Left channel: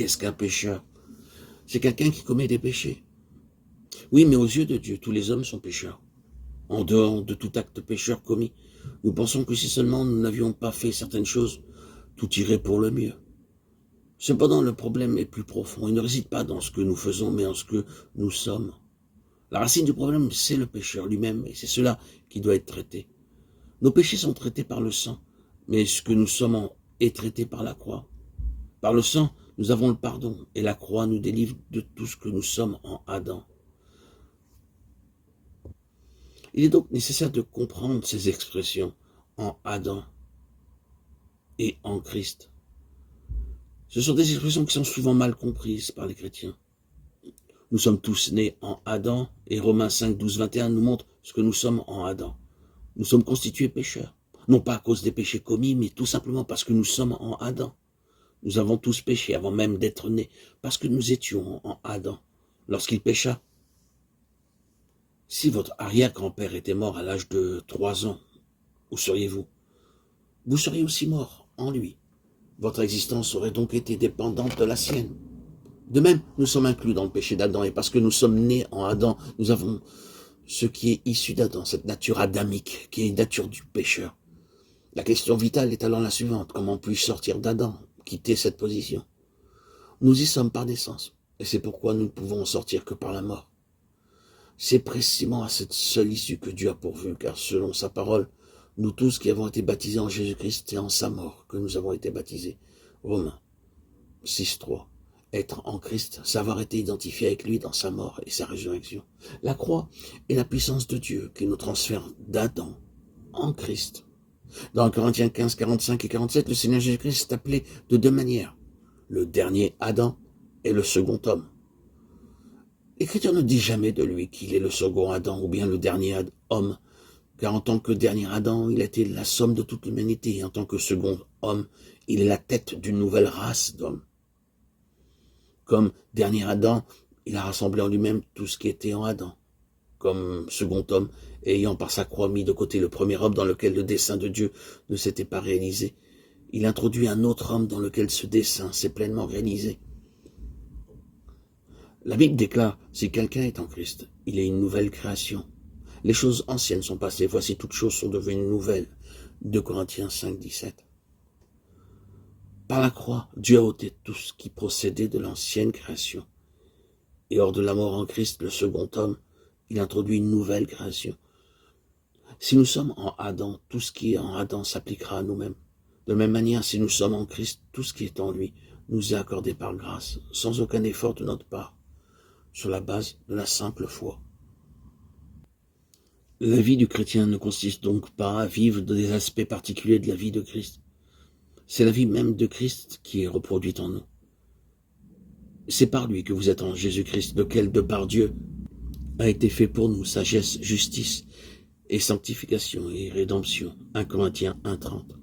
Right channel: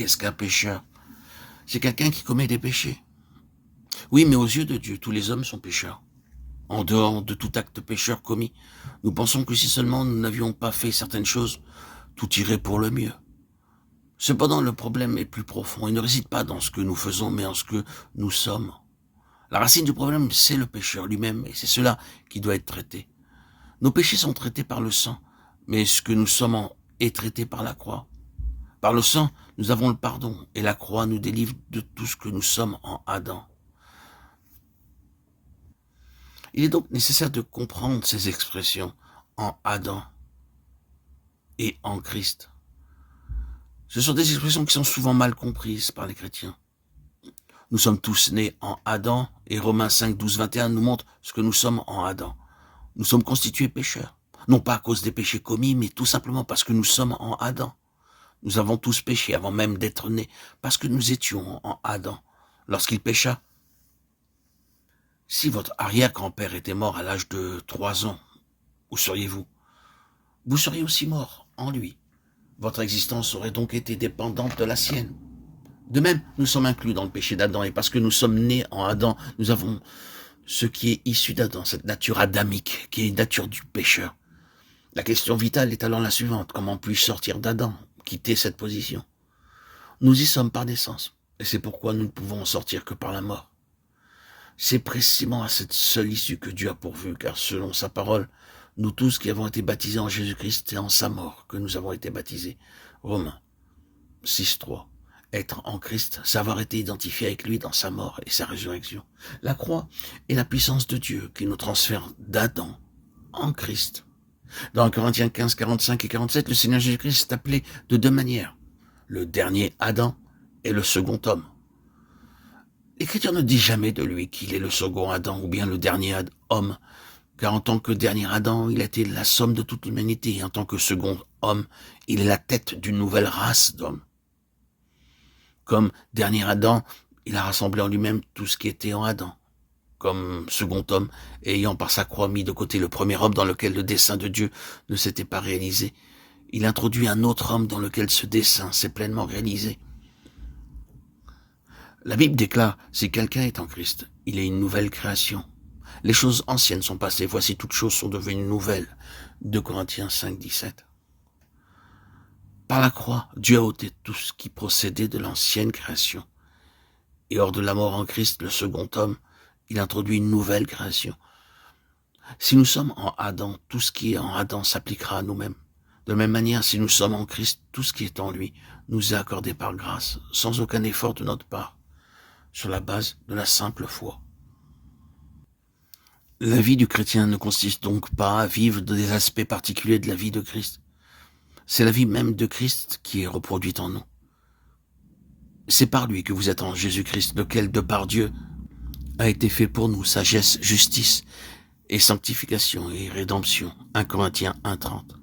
Qu'est-ce qu'un pécheur? C'est quelqu'un qui commet des péchés. Oui, mais aux yeux de Dieu, tous les hommes sont pécheurs. En dehors de tout acte pécheur commis, nous pensons que si seulement nous n'avions pas fait certaines choses, tout irait pour le mieux. Cependant, le problème est plus profond. Il ne réside pas dans ce que nous faisons, mais en ce que nous sommes. La racine du problème, c'est le pécheur lui-même, et c'est cela qui doit être traité. Nos péchés sont traités par le sang, mais ce que nous sommes est traité par la croix. Par le sang, nous avons le pardon, et la croix nous délivre de tout ce que nous sommes en Adam. Il est donc nécessaire de comprendre ces expressions en Adam et en Christ. Ce sont des expressions qui sont souvent mal comprises par les chrétiens. Nous sommes tous nés en Adam, et Romains 5, 12, 21 nous montre ce que nous sommes en Adam. Nous sommes constitués pécheurs, non pas à cause des péchés commis, mais tout simplement parce que nous sommes en Adam. Nous avons tous péché avant même d'être nés, parce que nous étions en Adam. Lorsqu'il pécha, si votre arrière-grand-père était mort à l'âge de 3 ans, où seriez-vous? Vous seriez aussi mort en lui. Votre existence aurait donc été dépendante de la sienne. De même, nous sommes inclus dans le péché d'Adam, et parce que nous sommes nés en Adam, nous avons ce qui est issu d'Adam, cette nature adamique, qui est une nature du pécheur. La question vitale est alors la suivante: comment puis-je sortir d'Adam, quitter cette position? Nous y sommes par naissance, et c'est pourquoi nous ne pouvons en sortir que par la mort. C'est précisément à cette seule issue que Dieu a pourvu, car selon sa parole, nous tous qui avons été baptisés en Jésus-Christ et en sa mort, que nous avons été baptisés. Romains 6, 3. Être en Christ, savoir été identifié avec lui dans sa mort et sa résurrection. La croix est la puissance de Dieu qui nous transfère d'Adam en Christ. Dans Corinthiens 15, 45 et 47, le Seigneur Jésus-Christ est appelé de 2 manières: le dernier Adam et le second homme. L'Écriture ne dit jamais de lui qu'il est le second Adam ou bien le dernier homme, car en tant que dernier Adam, il était la somme de toute l'humanité, et en tant que second homme, il est la tête d'une nouvelle race d'hommes. Comme dernier Adam, il a rassemblé en lui-même tout ce qui était en Adam. Comme second homme, ayant par sa croix mis de côté le premier homme dans lequel le dessein de Dieu ne s'était pas réalisé, il introduit un autre homme dans lequel ce dessein s'est pleinement réalisé. La Bible déclare: si quelqu'un est en Christ, il est une nouvelle création. Les choses anciennes sont passées, voici toutes choses sont devenues nouvelles. 2 Corinthiens 5, 17. Par la croix, Dieu a ôté tout ce qui procédait de l'ancienne création. Et hors de la mort en Christ, le second homme, il introduit une nouvelle création. Si nous sommes en Adam, tout ce qui est en Adam s'appliquera à nous-mêmes. De la même manière, si nous sommes en Christ, tout ce qui est en lui nous est accordé par grâce, sans aucun effort de notre part, sur la base de la simple foi. La vie du chrétien ne consiste donc pas à vivre des aspects particuliers de la vie de Christ. C'est la vie même de Christ qui est reproduite en nous. C'est par lui que vous êtes en Jésus-Christ, lequel, de par Dieu, a été fait pour nous sagesse, justice et sanctification et rédemption. 1 Corinthiens 1, 30.